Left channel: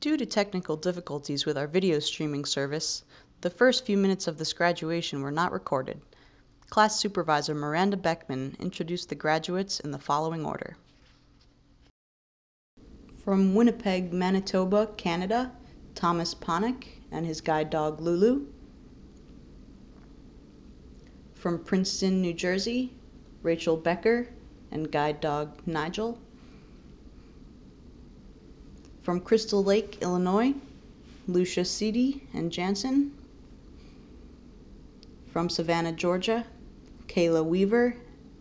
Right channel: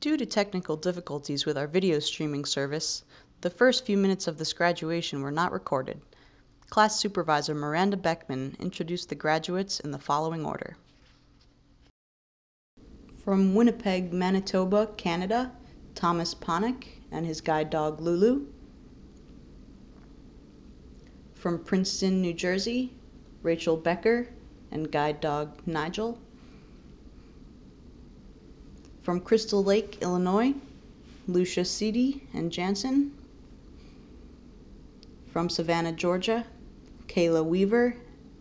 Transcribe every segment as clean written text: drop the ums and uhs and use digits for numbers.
Due to technical difficulties with our video streaming service, the first few minutes of this graduation were not recorded. Class Supervisor Miranda Beckman introduced the graduates in the following order. From Winnipeg, Manitoba, Canada, Thomas Ponick and his guide dog Lulu. From Princeton, New Jersey, Rachel Becker and guide dog Nigel. From Crystal Lake, Illinois, Lucia Seedy and Jansen. From Savannah, Georgia, Kayla Weaver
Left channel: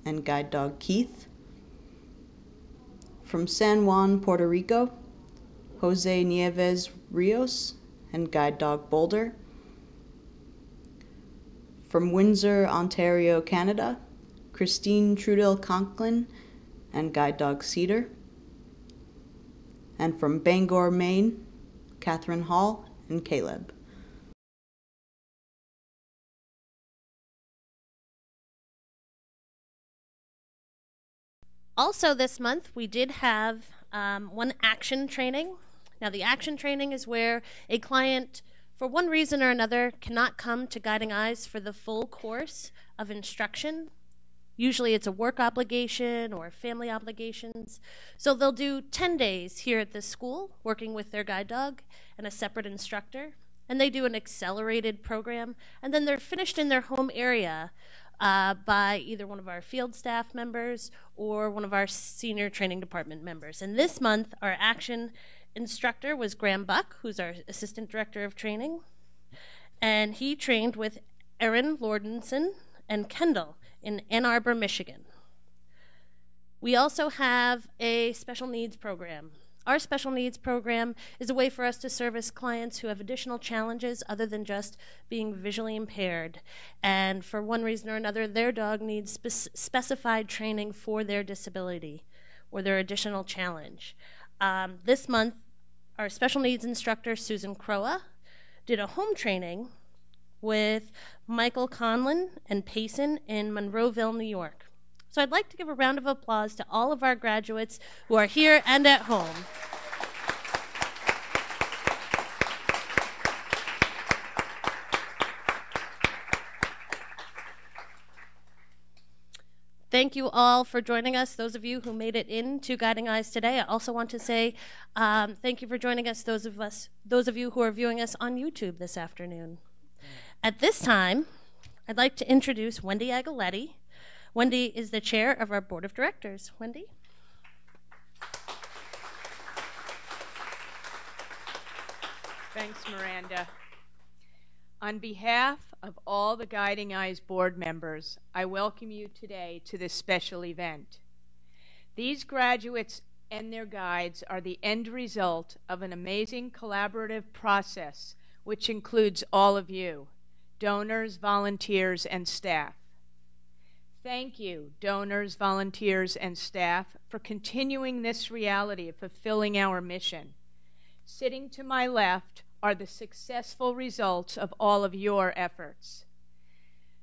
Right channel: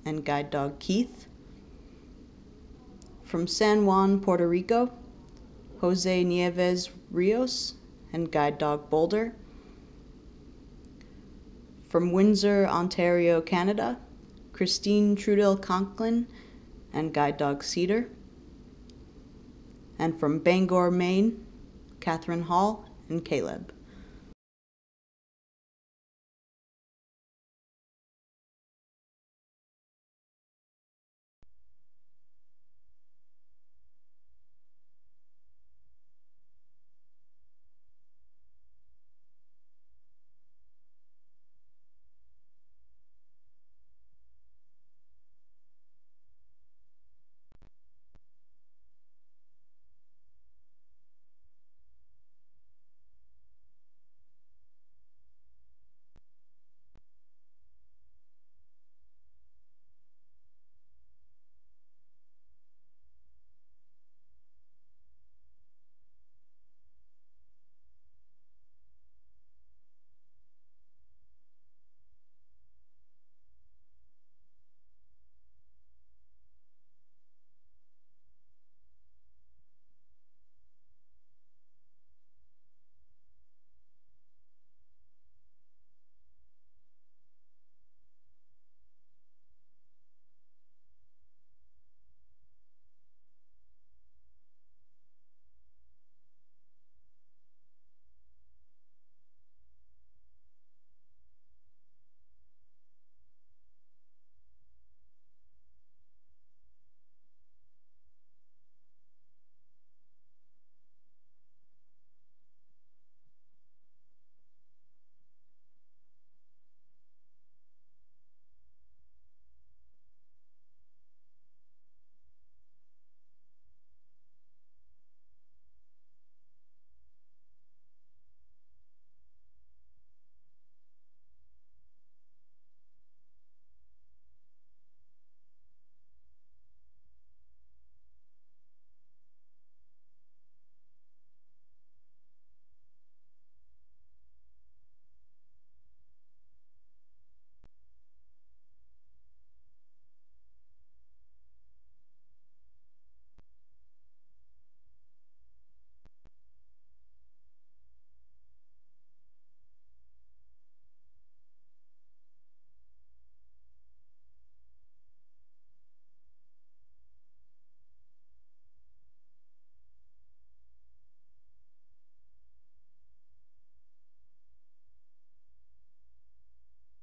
and guide dog Keith. From San Juan, Puerto Rico, Jose Nieves Rios and guide dog Boulder. From Windsor, Ontario, Canada, Christine Trudel Conklin and guide dog Cedar. And from Bangor, Maine, Catherine Hall and Caleb. Also this month, we did have one action training. Now, the action training is where a client, for one reason or another, cannot come to Guiding Eyes for the full course of instruction. Usually it's a work obligation or family obligations. So they'll do 10 days here at this school, working with their guide dog and a separate instructor. And they do an accelerated program. And then they're finished in their home area by either one of our field staff members or one of our senior training department members. And this month, our action instructor was Graham Buck, who's our assistant director of training. And he trained with Erin Lordenson and Kendall in Ann Arbor, Michigan. We also have a special needs program. Our special needs program is a way for us to service clients who have additional challenges other than just being visually impaired. And for one reason or another, their dog needs specified training for their disability or their additional challenge. This month, our special needs instructor, Susan Croa, did a home training with Michael Conlon and Payson in Monroeville, New York. So I'd like to give a round of applause to all of our graduates who are here and at home. Thank you all for joining us, those of you who made it into Guiding Eyes today. I also want to say thank you for joining us, those of you who are viewing us on YouTube this afternoon. At this time, I'd like to introduce Wendy Agaletti. Wendy is the chair of our board of directors. Wendy? Thanks, Miranda. On behalf of all the Guiding Eyes board members, I welcome you today to this special event. These graduates and their guides are the end result of an amazing collaborative process, which includes all of you, donors, volunteers, and staff. Thank you, donors, volunteers, and staff, for continuing this reality of fulfilling our mission. Sitting to my left are the successful results of all of your efforts.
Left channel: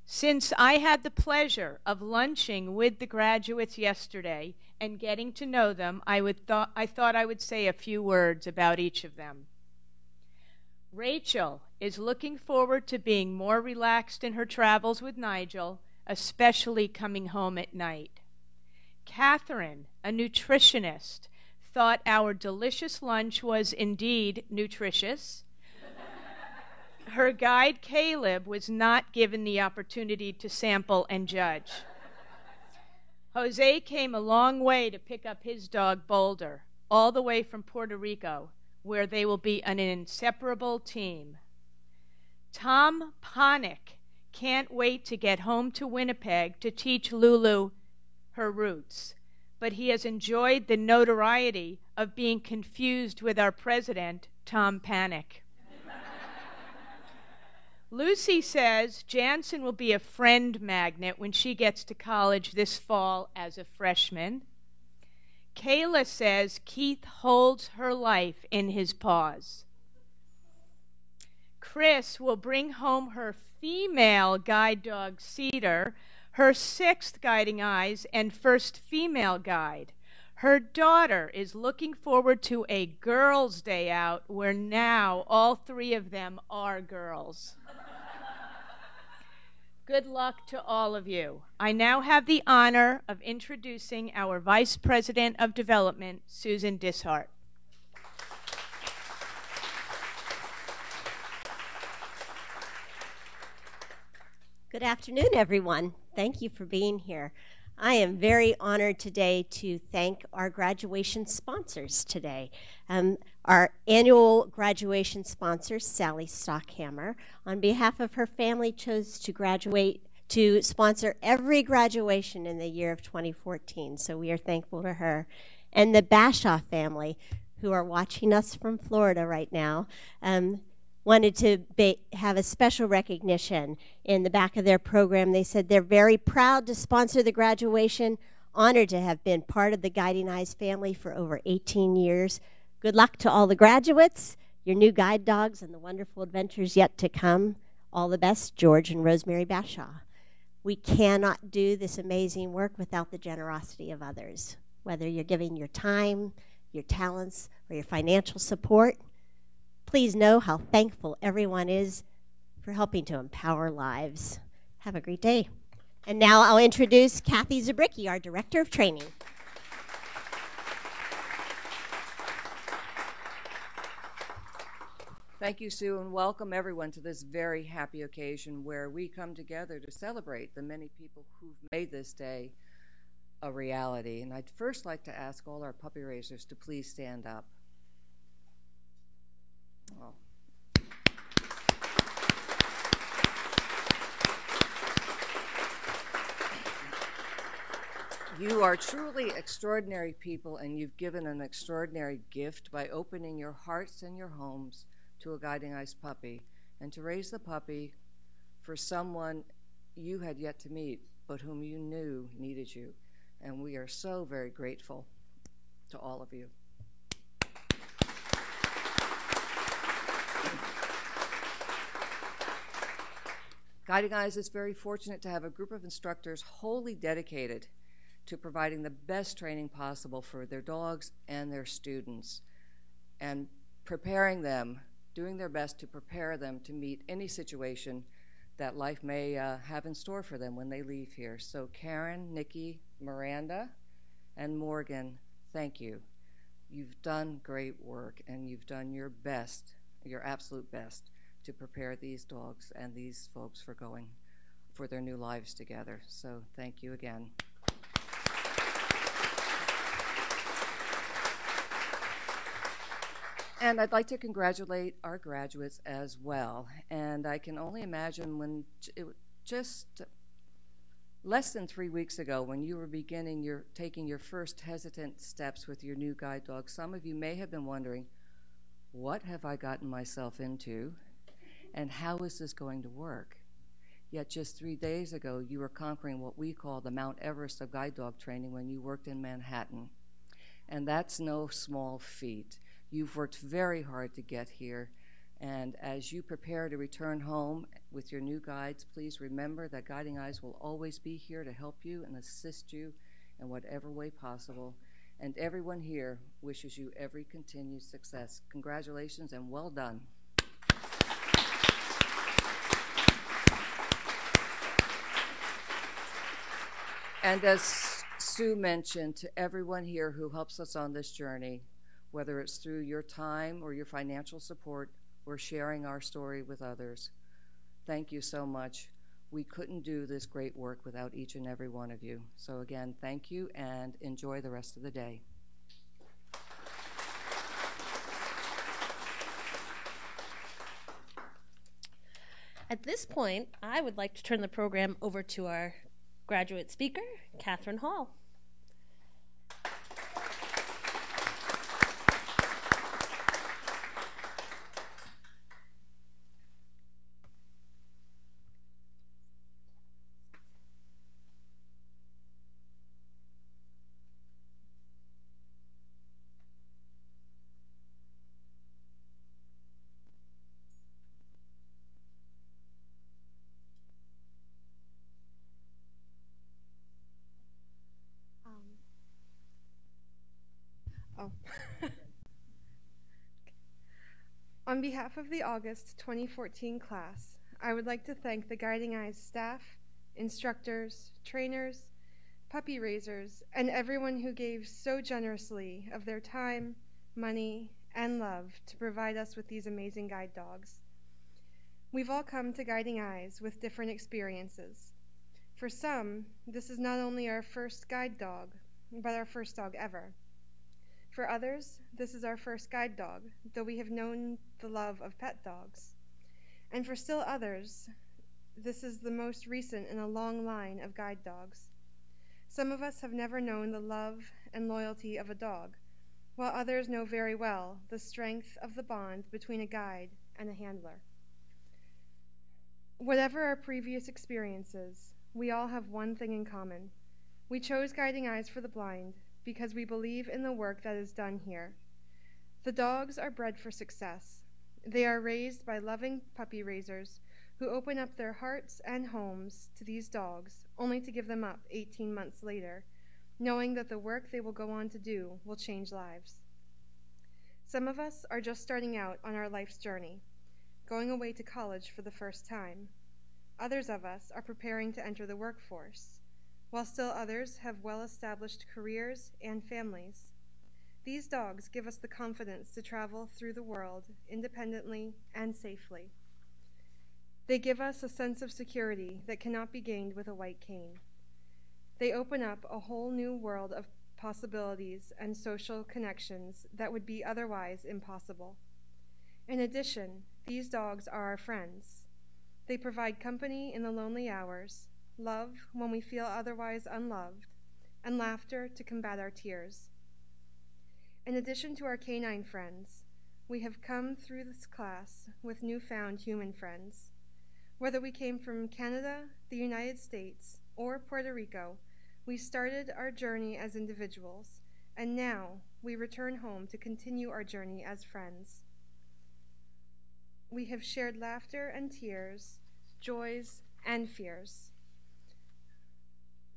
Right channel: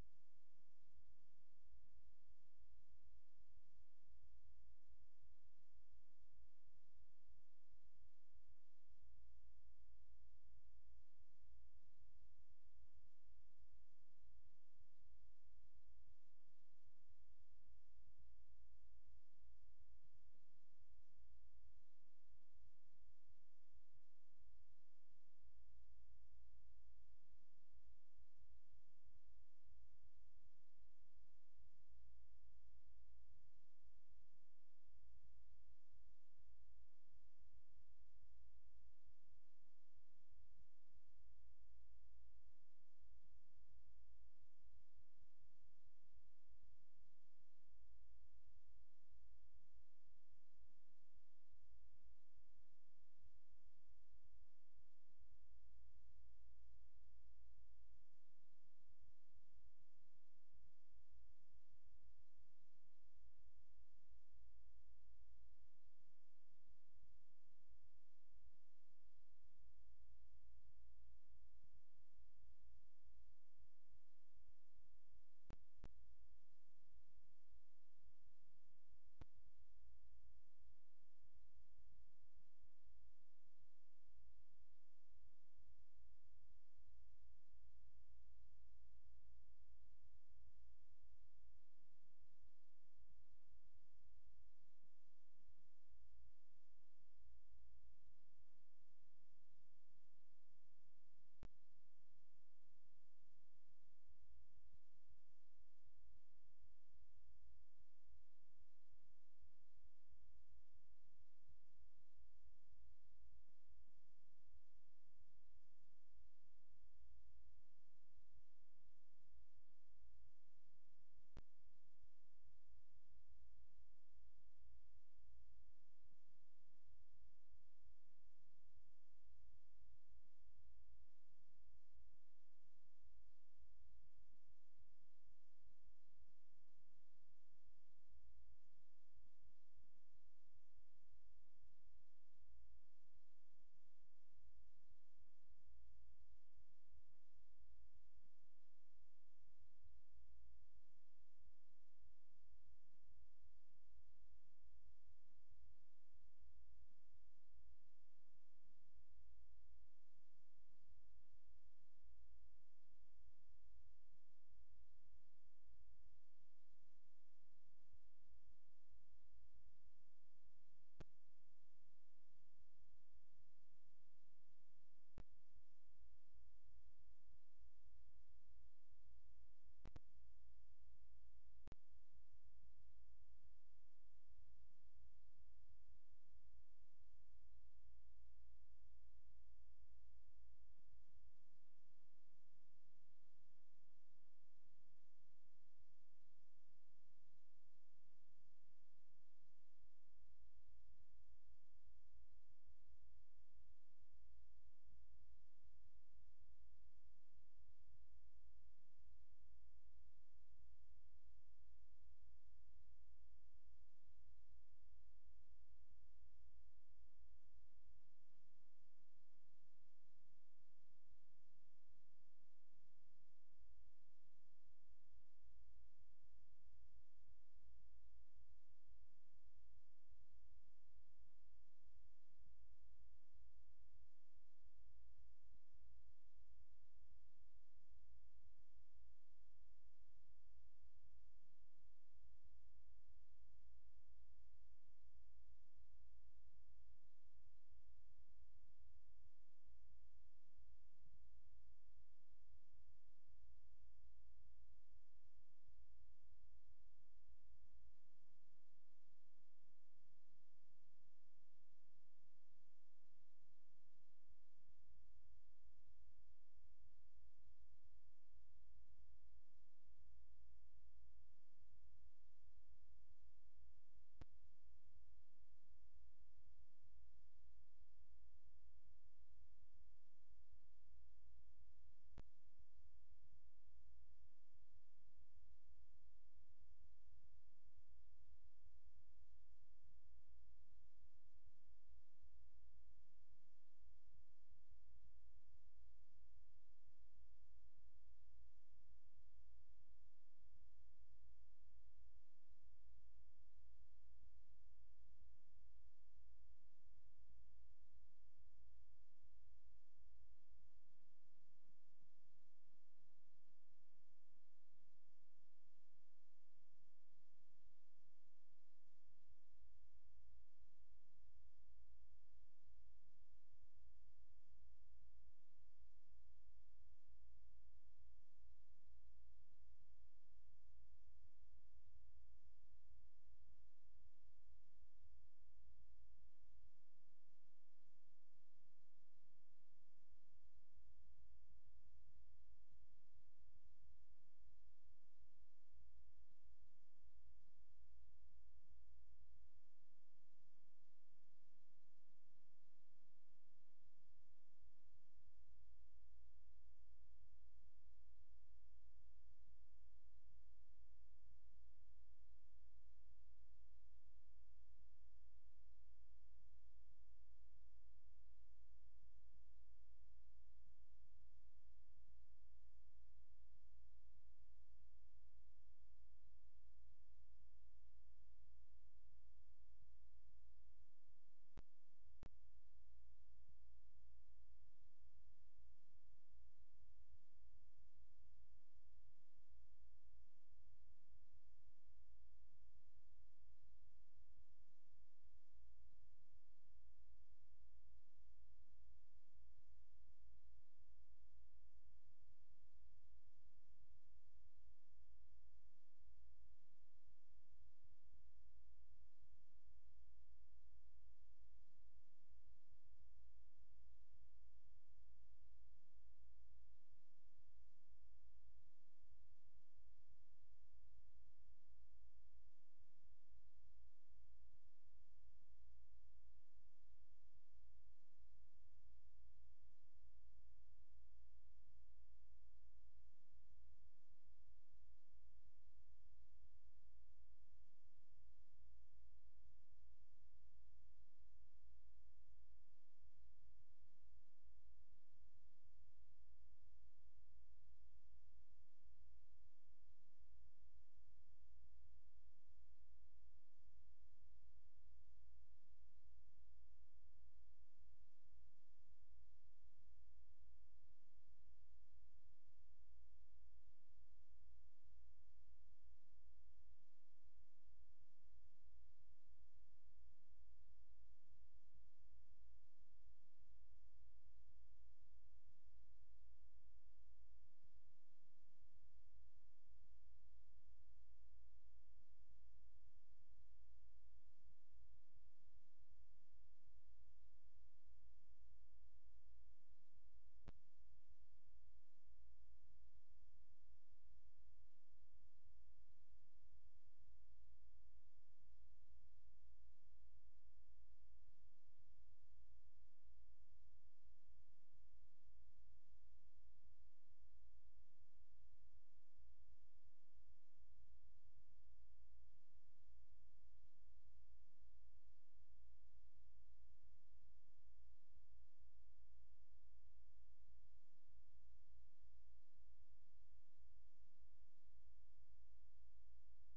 Since I had the pleasure of lunching with the graduates yesterday and getting to know them, I thought I would say a few words about each of them. Rachel is looking forward to being more relaxed in her travels with Nigel, especially coming home at night. Catherine, a nutritionist, thought our delicious lunch was indeed nutritious. Her guide, Caleb, was not given the opportunity to sample and judge. Jose came a long way to pick up his dog, Boulder, all the way from Puerto Rico, where they will be an inseparable team. Tom Ponick can't wait to get home to Winnipeg to teach Lulu her roots, but he has enjoyed the notoriety of being confused with our president, Tom Panic. Lucy says Jansen will be a friend magnet when she gets to college this fall as a freshman. Kayla says Keith holds her life in his paws. Chris will bring home her female guide dog, Cedar, her 6th Guiding Eyes and first female guide. Her daughter is looking forward to a girls' day out where now all three of them are girls. Good luck to all of you. I now have the honor of introducing our Vice President of Development, Susan Dishart. Good afternoon, everyone. Thank you for being here. I am very honored today to thank our graduation sponsors today. Our annual graduation sponsor, Sally Stockhammer, on behalf of her family, chose to sponsor every graduation in the year of 2014. So we are thankful to her. And the Bashaw family, who are watching us from Florida right now, wanted to have a special recognition. In the back of their program, they said they're very proud to sponsor the graduation, honored to have been part of the Guiding Eyes family for over 18 years. Good luck to all the graduates, your new guide dogs, and the wonderful adventures yet to come. All the best, George and Rosemary Bashaw. We cannot do this amazing work without the generosity of others, whether you're giving your time, your talents, or your financial support. Please know how thankful everyone is for helping to empower lives. Have a great day. And now I'll introduce Kathy Zabricki, our Director of Training. Thank you, Sue, and welcome everyone to this very happy occasion where we come together to celebrate the many people who've made this day a reality. And I'd first like to ask all our puppy raisers to please stand up. Oh. You are truly extraordinary people, and you've given an extraordinary gift by opening your hearts and your homes to a Guiding Eyes puppy, and to raise the puppy for someone you had yet to meet, but whom you knew needed you. And we are so very grateful to all of you. Guiding Eyes is very fortunate to have a group of instructors wholly dedicated to providing the best training possible for their dogs and their students, and preparing them, doing their best to prepare them to meet any situation that life may have in store for them when they leave here. So Karen, Nikki, Miranda, and Morgan, thank you. You've done great work, and you've done your best, your absolute best, to prepare these dogs and these folks for going for their new lives together. So thank you again. And I'd like to congratulate our graduates as well. And I can only imagine when just less than 3 weeks ago, when you were taking your first hesitant steps with your new guide dog, some of you may have been wondering, what have I gotten myself into? And how is this going to work? Yet just 3 days ago, you were conquering what we call the Mount Everest of guide dog training when you worked in Manhattan. And that's no small feat. You've worked very hard to get here, and as you prepare to return home with your new guides, please remember that Guiding Eyes will always be here to help you and assist you in whatever way possible. And everyone here wishes you every continued success. Congratulations and well done. And as Sue mentioned, to everyone here who helps us on this journey, whether it's through your time or your financial support or sharing our story with others, thank you so much. We couldn't do this great work without each and every one of you. So again, thank you, and enjoy the rest of the day. At this point, I would like to turn the program over to our graduate speaker, Catherine Hall. Oh. On behalf of the August 2014 class, I would like to thank the Guiding Eyes staff, instructors, trainers, puppy raisers, and everyone who gave so generously of their time, money, and love to provide us with these amazing guide dogs. We've all come to Guiding Eyes with different experiences. For some, this is not only our first guide dog, but our first dog ever. For others, this is our first guide dog, though we have known the love of pet dogs. And for still others, this is the most recent in a long line of guide dogs. Some of us have never known the love and loyalty of a dog, while others know very well the strength of the bond between a guide and a handler. Whatever our previous experiences, we all have one thing in common. We chose Guiding Eyes for the Blind because we believe in the work that is done here. The dogs are bred for success. They are raised by loving puppy raisers who open up their hearts and homes to these dogs, only to give them up 18 months later, knowing that the work they will go on to do will change lives. Some of us are just starting out on our life's journey, going away to college for the first time. Others of us are preparing to enter the workforce, while still others have well-established careers and families. These dogs give us the confidence to travel through the world independently and safely. They give us a sense of security that cannot be gained with a white cane. They open up a whole new world of possibilities and social connections that would be otherwise impossible. In addition, these dogs are our friends. They provide company in the lonely hours, love when we feel otherwise unloved, and laughter to combat our tears. In addition to our canine friends, we have come through this class with newfound human friends. Whether we came from Canada, the United States, or Puerto Rico, we started our journey as individuals, and now we return home to continue our journey as friends. We have shared laughter and tears, joys and fears.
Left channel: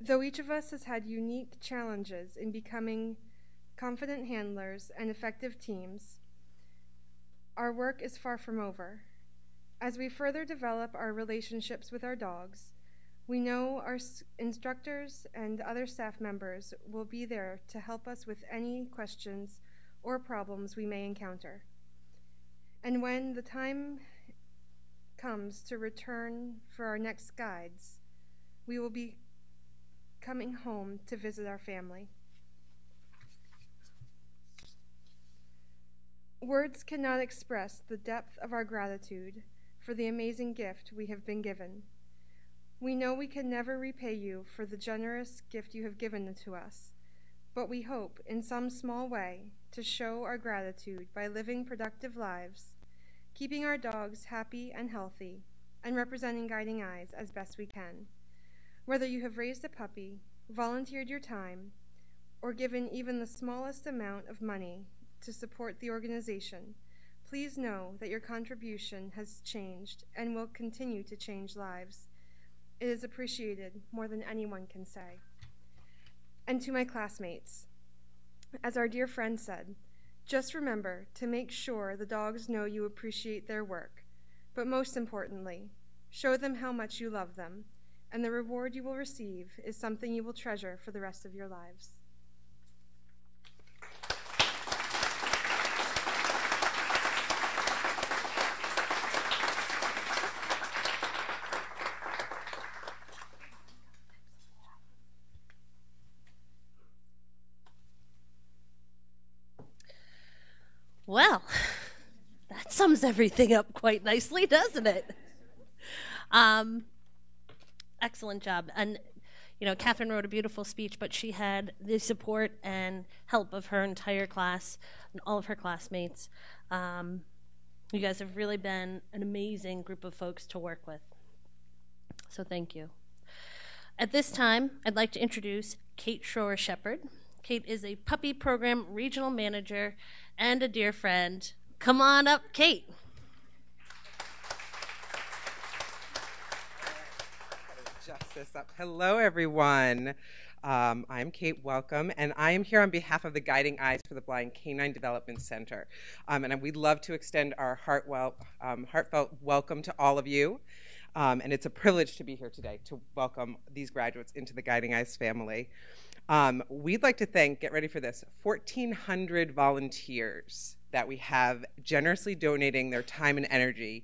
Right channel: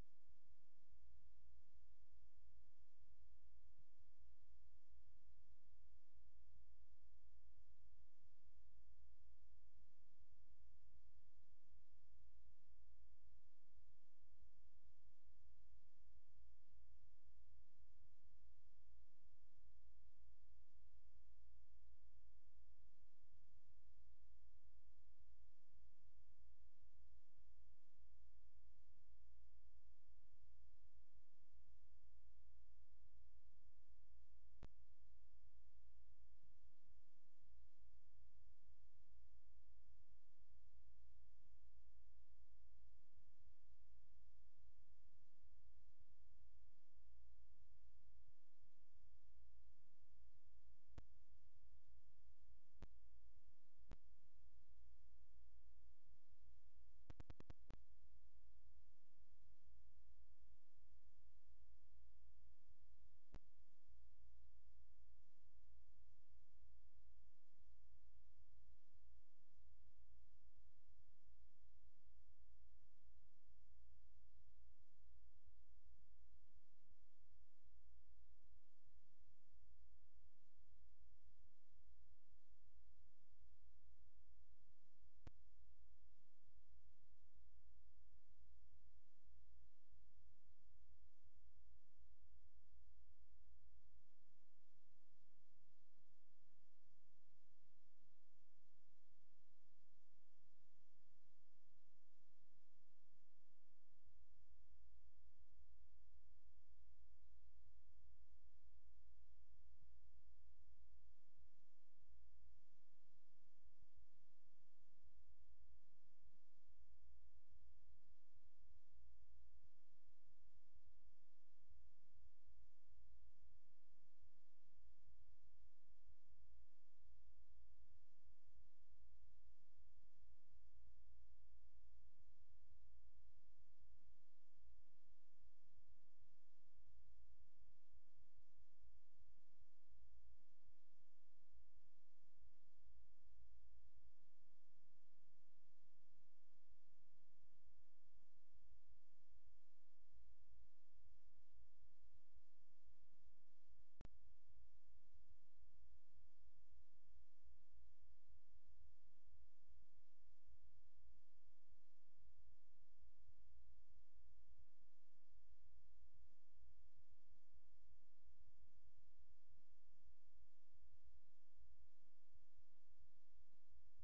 Though each of us has had unique challenges in becoming confident handlers and effective teams, our work is far from over. As we further develop our relationships with our dogs, we know our instructors and other staff members will be there to help us with any questions or problems we may encounter. And when the time comes to return for our next guides, we will be coming home to visit our family. Words cannot express the depth of our gratitude for the amazing gift we have been given. We know we can never repay you for the generous gift you have given to us, but we hope in some small way to show our gratitude by living productive lives, keeping our dogs happy and healthy, and representing Guiding Eyes as best we can. Whether you have raised a puppy, volunteered your time, or given even the smallest amount of money to support the organization, please know that your contribution has changed and will continue to change lives. It is appreciated more than anyone can say. And to my classmates, as our dear friend said, just remember to make sure the dogs know you appreciate their work, but most importantly, show them how much you love them, and the reward you will receive is something you will treasure for the rest of your lives. Well, that sums everything up quite nicely, doesn't it? Excellent job. And, you know, Catherine wrote a beautiful speech, but she had the support and help of her entire class and all of her classmates. You guys have really been an amazing group of folks to work with. So thank you. At this time, I'd like to introduce Kate Schroer-Shepard. Kate is a puppy program regional manager and a dear friend. Come on up, Kate. Adjust this up. Hello, everyone. I'm Kate Welcome, and I am here on behalf of the Guiding Eyes for the Blind Canine Development Center. And we'd love to extend our heartfelt welcome to all of you. And it's a privilege to be here today to welcome these graduates into the Guiding Eyes family. We'd like to thank, get ready for this, 1,400 volunteers that we have generously donating their time and energy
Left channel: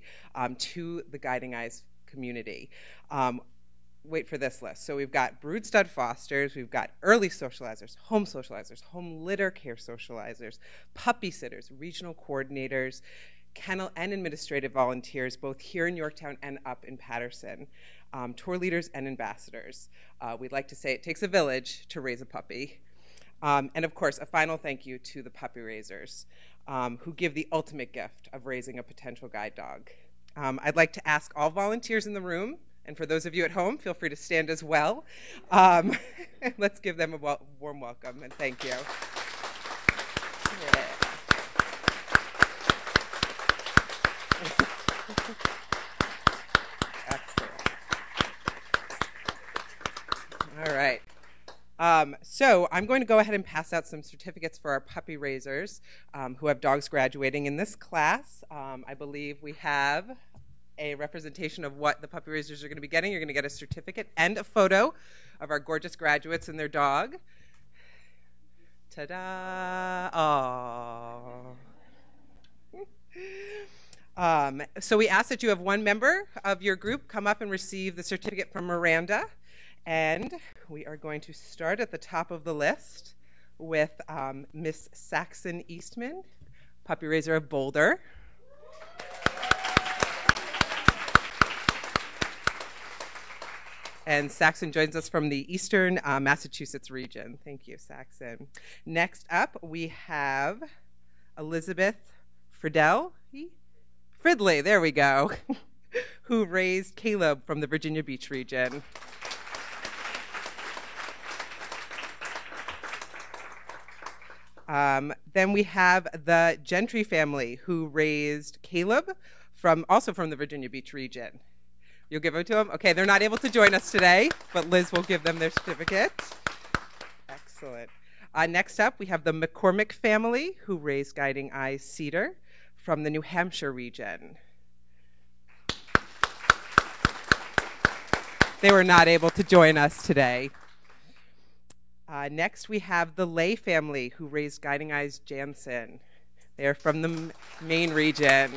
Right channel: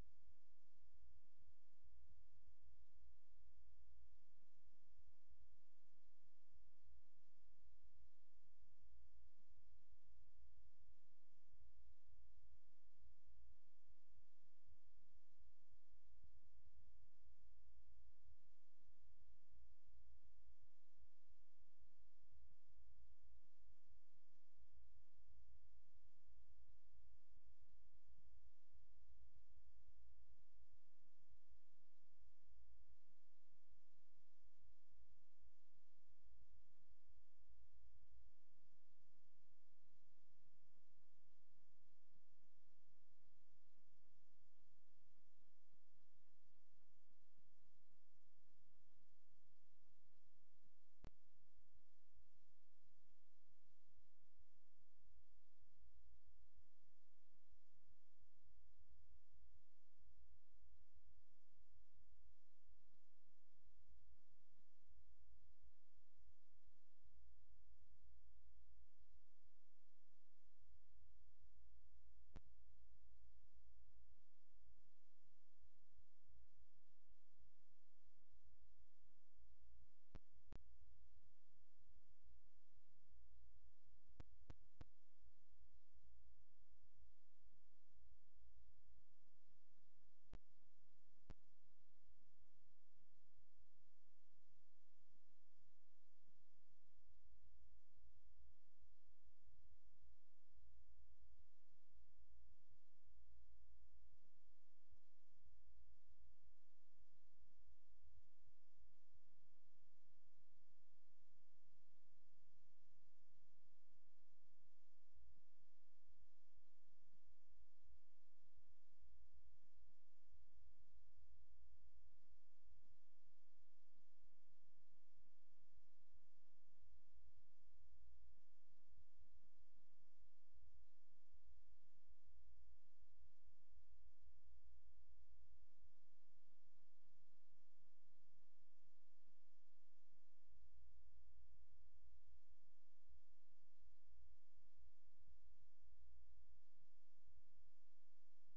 to the Guiding Eyes community. Wait for this list. So we've got brood stud fosters, we've got early socializers, home litter care socializers, puppy sitters, regional coordinators, kennel and administrative volunteers, both here in Yorktown and up in Paterson, tour leaders and ambassadors. We'd like to say it takes a village to raise a puppy. And of course, a final thank you to the puppy raisers who give the ultimate gift of raising a potential guide dog. I'd like to ask all volunteers in the room, and for those of you at home, feel free to stand as well. Let's give them a warm welcome and thank you. Yeah. Excellent. All right. So I'm going to go ahead and pass out some certificates for our puppy raisers who have dogs graduating in this class. I believe we have a representation of what the puppy raisers are going to be getting. You're going to get a certificate and a photo of our gorgeous graduates and their dog. Ta-da! Aww. So we ask that you have one member of your group come up and receive the certificate from Miranda. And we are going to start at the top of the list with Miss Saxon Eastman, puppy raiser of Boulder. And Saxon joins us from the Eastern Massachusetts region. Thank you, Saxon. Next up, we have Elizabeth Fridley, there we go, who raised Caleb from the Virginia Beach region. Then we have the Gentry family who raised Caleb also from the Virginia Beach region. You'll give them to them? Okay, they're not able to join us today, but Liz will give them their certificate. Excellent. Next up, we have the McCormick family who raised Guiding Eyes Cedar from the New Hampshire region. They were not able to join us today. Next, we have the Lay family who raised Guiding Eyes Jansen. They are from the Maine region.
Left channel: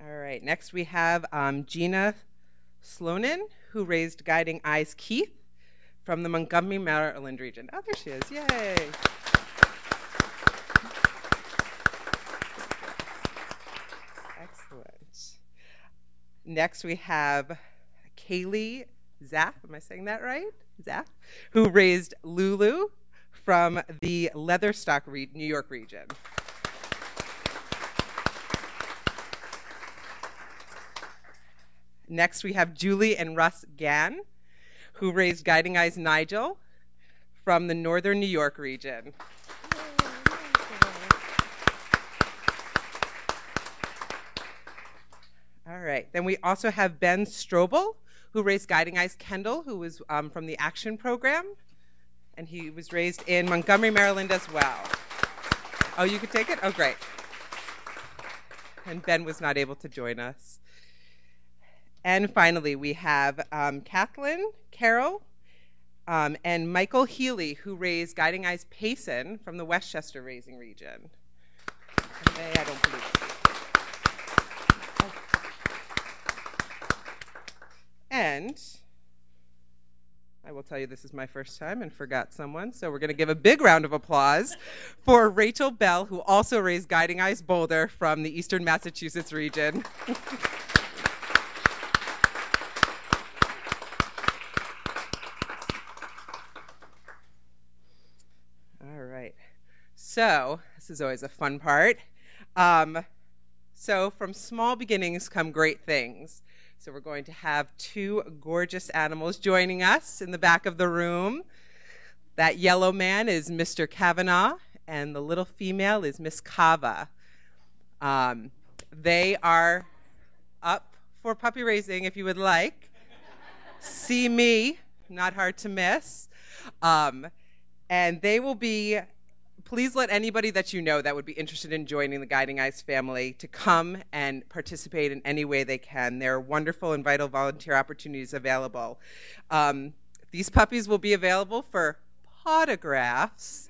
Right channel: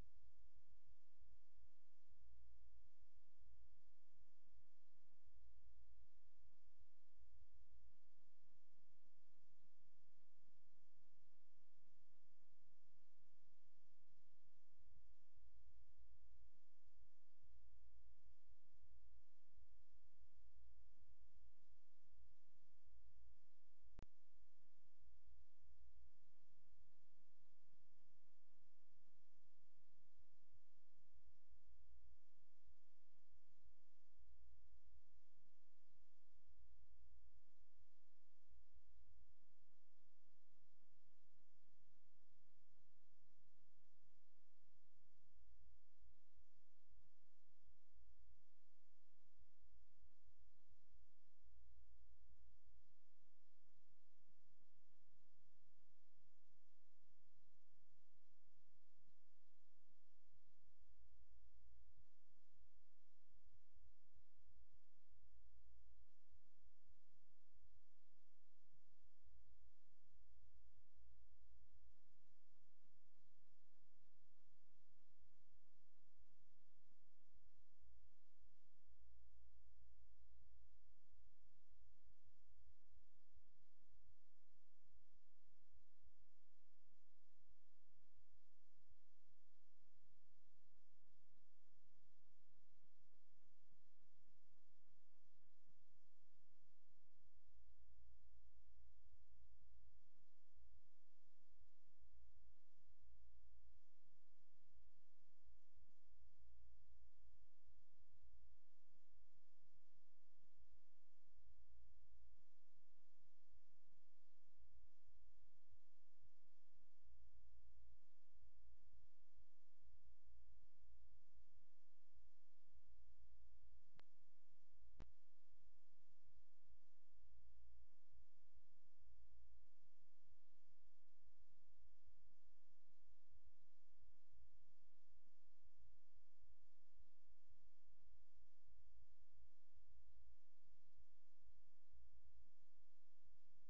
All right, next we have Gina Slonin, who raised Guiding Eyes Keith from the Montgomery, Maryland region. Oh, there she is, yay. Excellent. Next we have Kaylee Zaff, am I saying that right? Zaff, who raised Lulu from the Leatherstock, New York region. Next we have Julie and Russ Gann, who raised Guiding Eyes Nigel from the Northern New York region. All right, then we also have Ben Strobel, who raised Guiding Eyes Kendall, who was from the Action Program, and he was raised in Montgomery, Maryland as well. Oh, you could take it? Oh, great. And Ben was not able to join us. And finally, we have Kathleen Carroll and Michael Healy, who raised Guiding Eyes Payson from the Westchester raising region. And I don't believe it. And I will tell you this is my first time and forgot someone, so we're going to give a big round of applause for Rachel Bell, who also raised Guiding Eyes Boulder from the Eastern Massachusetts region. All right. So this is always a fun part. So from small beginnings come great things. So we're going to have two gorgeous animals joining us in the back of the room. That yellow man is Mr. Kavanaugh, and the little female is Miss Kava. They are up for puppy raising if you would like. See me, not hard to miss. And they will be, please let anybody that you know that would be interested in joining the Guiding Eyes family to come and participate in any way they can. There are wonderful and vital volunteer opportunities available. These puppies will be available for autographs.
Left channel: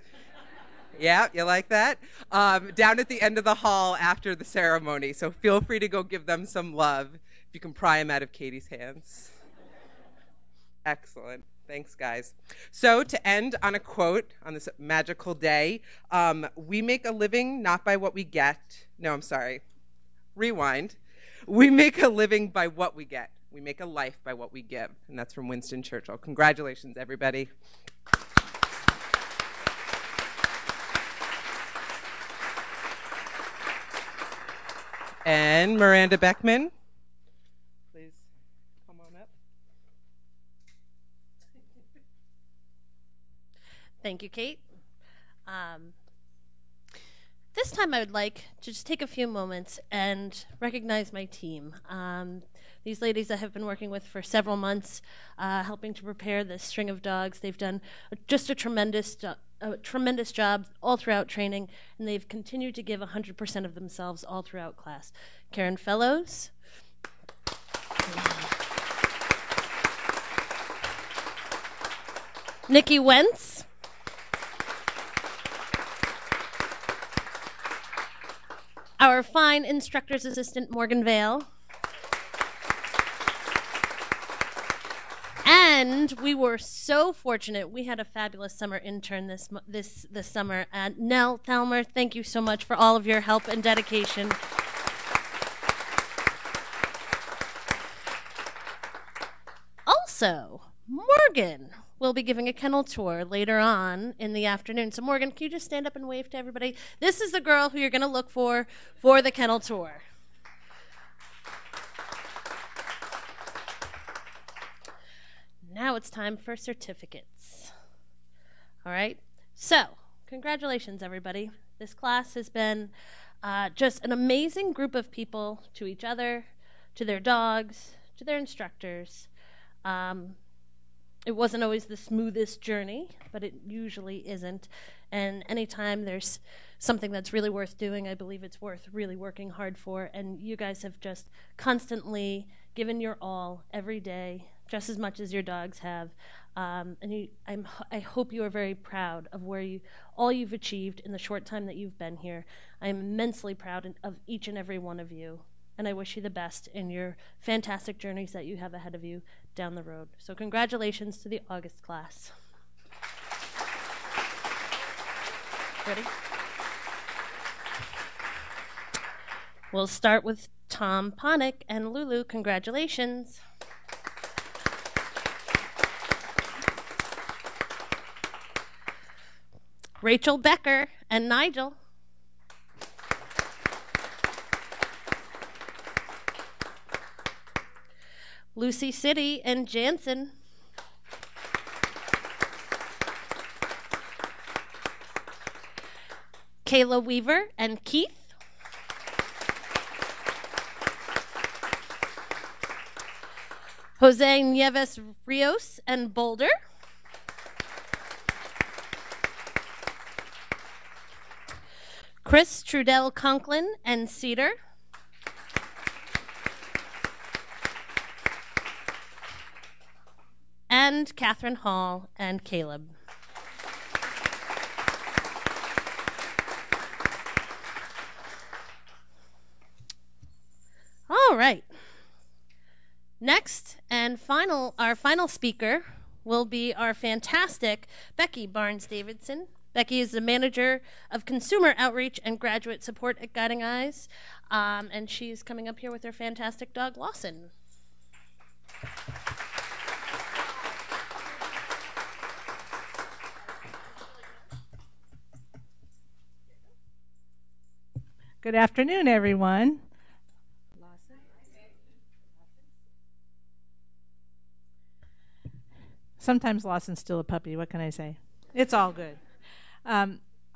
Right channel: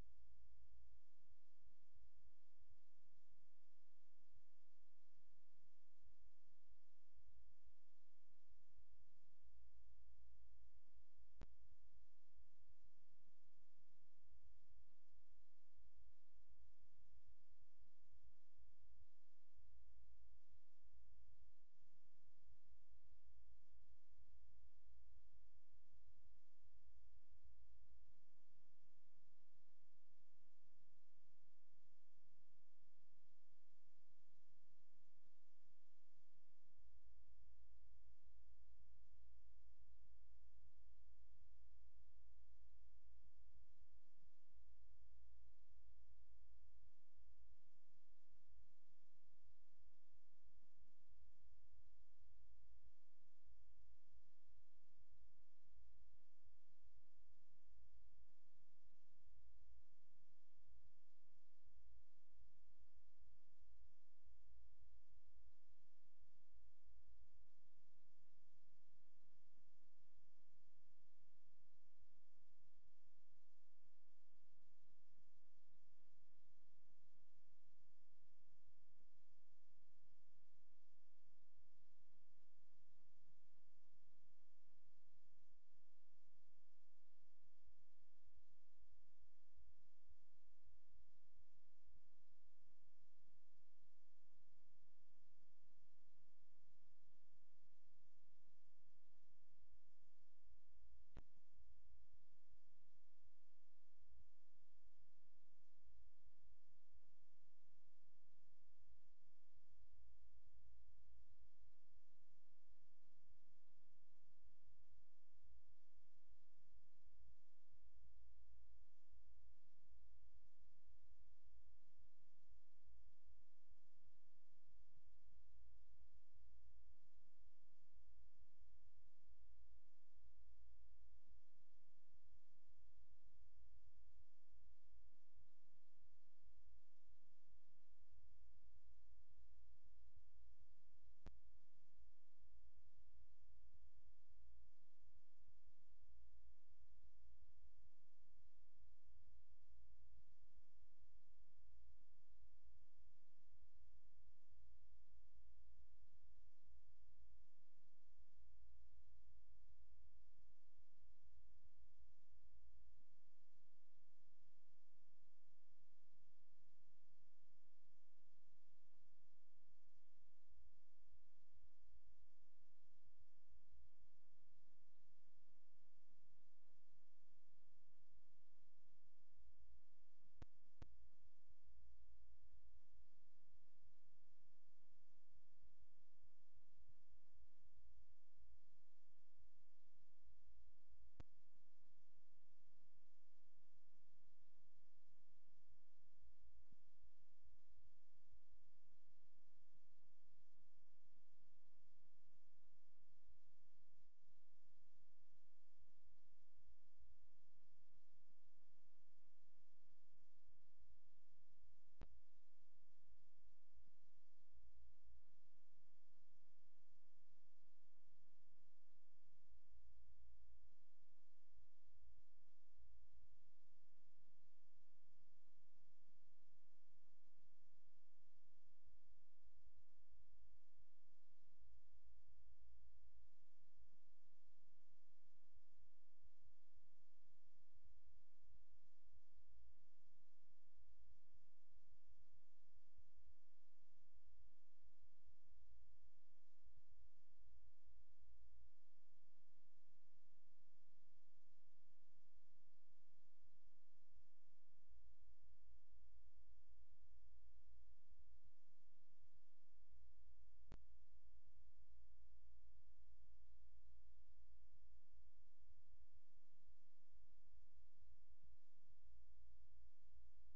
Yeah, you like that? Down at the end of the hall after the ceremony. So feel free to go give them some love if you can pry them out of Katie's hands. Excellent. Thanks, guys. So to end on a quote on this magical day, we make a living not by what we get. No, I'm sorry. Rewind. We make a living by what we get. We make a life by what we give. And that's from Winston Churchill. Congratulations, everybody. And Miranda Beckman, please come on up. Thank you, Kate. This time I would like to just take a few moments and recognize my team. These ladies I have been working with for several months, helping to prepare this string of dogs. They've done just a tremendous job all throughout training, and they've continued to give 100% of themselves all throughout class. Karen Fellows. Nikki Wentz. Our fine instructor's assistant, Morgan Vale. And we were so fortunate. We had a fabulous summer intern this summer. Nell Thalmer, thank you so much for all of your help and dedication. Also, Morgan will be giving a kennel tour later on in the afternoon. So Morgan, can you just stand up and wave to everybody? This is the girl who you're going to look for the kennel tour. Now it's time for certificates. All right. So congratulations, everybody. This class has been just an amazing group of people to each other, to their dogs, to their instructors. It wasn't always the smoothest journey, but it usually isn't. And anytime there's something that's really worth doing, I believe it's worth really working hard for. And you guys have just constantly given your all every day, just as much as your dogs have. I hope you are very proud of all you've achieved in the short time that you've been here. I am immensely proud of each and every one of you. And I wish you the best in your fantastic journeys that you have ahead of you down the road. So congratulations to the August class. Ready? We'll start with Tom Ponick and Lulu. Congratulations. Rachel Becker and Nigel. Lucy City and Jansen. Kayla Weaver and Keith. Jose Nieves Rios and Boulder. Chris Trudell Conklin and Cedar. And Catherine Hall and Caleb. All right. Next and our final speaker will be our fantastic Becky Barnes-Davidson. Becky is the Manager of Consumer Outreach and Graduate Support at Guiding Eyes, and she's coming up here with her fantastic dog, Lawson. Good afternoon, everyone. Sometimes Lawson's still a puppy. What can I say? It's all good.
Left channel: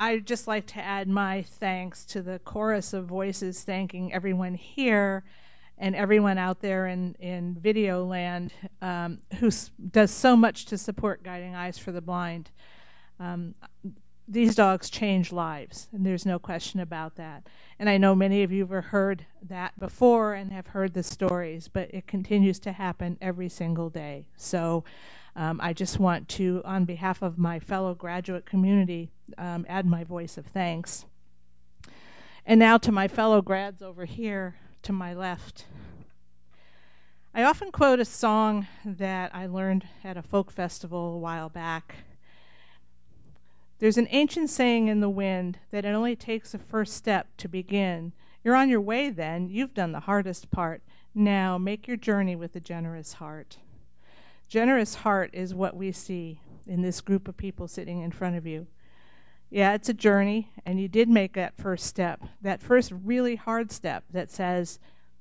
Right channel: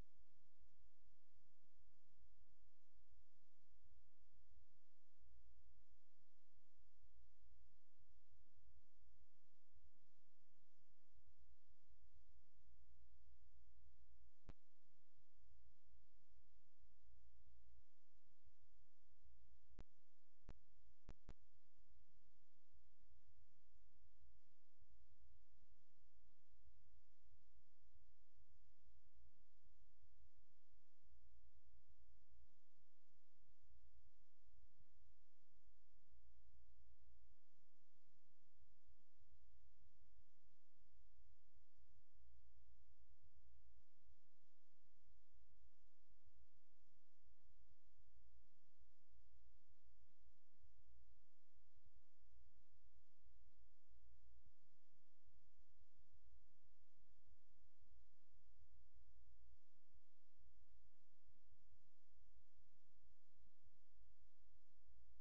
I'd just like to add my thanks to the chorus of voices thanking everyone here and everyone out there in video land who does so much to support Guiding Eyes for the Blind. These dogs change lives, and there's no question about that. And I know many of you have heard that before and have heard the stories, but it continues to happen every single day. So I just want to, on behalf of my fellow graduate community, add my voice of thanks. And now to my fellow grads over here to my left. I often quote a song that I learned at a folk festival a while back. There's an ancient saying in the wind that it only takes a first step to begin. You're on your way then. You've done the hardest part. Now make your journey with a generous heart. Generous heart is what we see in this group of people sitting in front of you. Yeah, it's a journey, and you did make that first step, that first really hard step that says,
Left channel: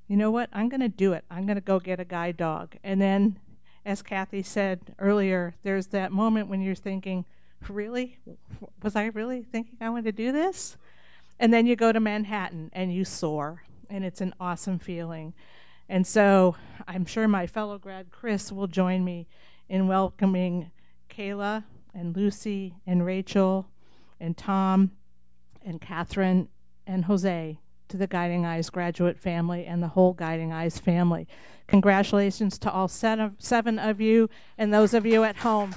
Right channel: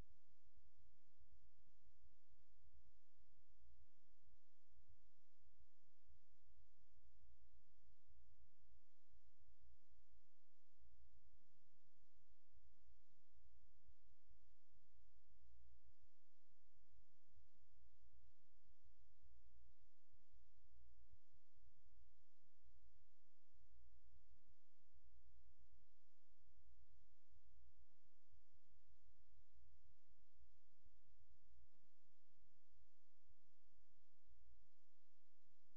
you know what, I'm going to do it. I'm going to go get a guide dog. And then, as Kathy said earlier, there's that moment when you're thinking, really? Was I really thinking I wanted to do this? And then you go to Manhattan and you soar, and it's an awesome feeling. And so I'm sure my fellow grad Chris will join me in welcoming Kayla and Lucy and Rachel and Tom and Catherine and Jose to the Guiding Eyes graduate family and the whole Guiding Eyes family. Congratulations to all seven of you and those of you at home.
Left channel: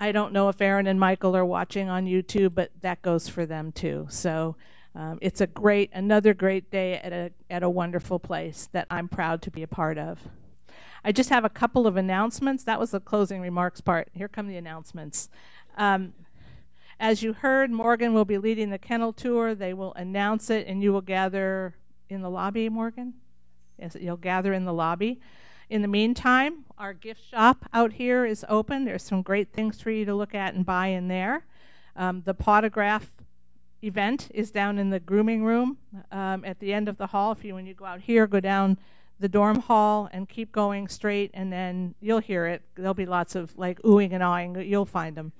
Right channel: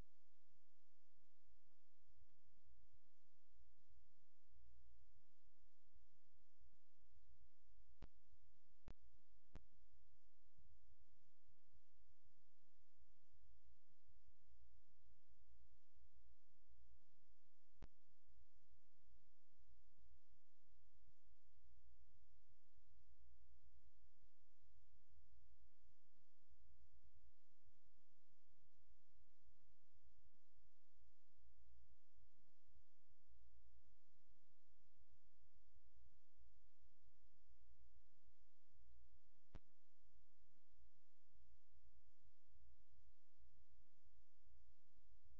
I don't know if Aaron and Michael are watching on YouTube, but that goes for them too. So it's another great day at a wonderful place that I'm proud to be a part of. I just have a couple of announcements. That was the closing remarks part. Here come the announcements. As you heard, Morgan will be leading the kennel tour. They will announce it, and you will gather in the lobby, Morgan? Yes, you'll gather in the lobby. In the meantime, our gift shop out here is open. There's some great things for you to look at and buy in there. The Potograph event is down in the grooming room at the end of the hall. When you go out here, go down the dorm hall and keep going straight, and then you'll hear it. There'll be lots of like oohing and awing. You'll find them.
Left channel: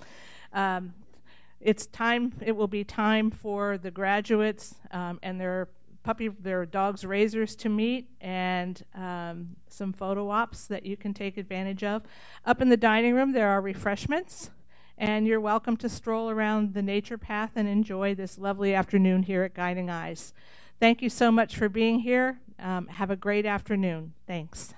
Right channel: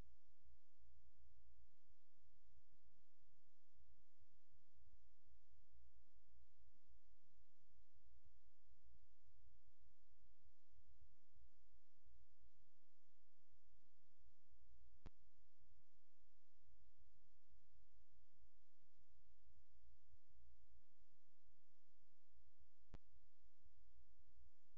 It will be time for the graduates and their dogs' raisers to meet, and some photo ops that you can take advantage of. Up in the dining room, there are refreshments, and you're welcome to stroll around the nature path and enjoy this lovely afternoon here at Guiding Eyes. Thank you so much for being here. Have a great afternoon. Thanks.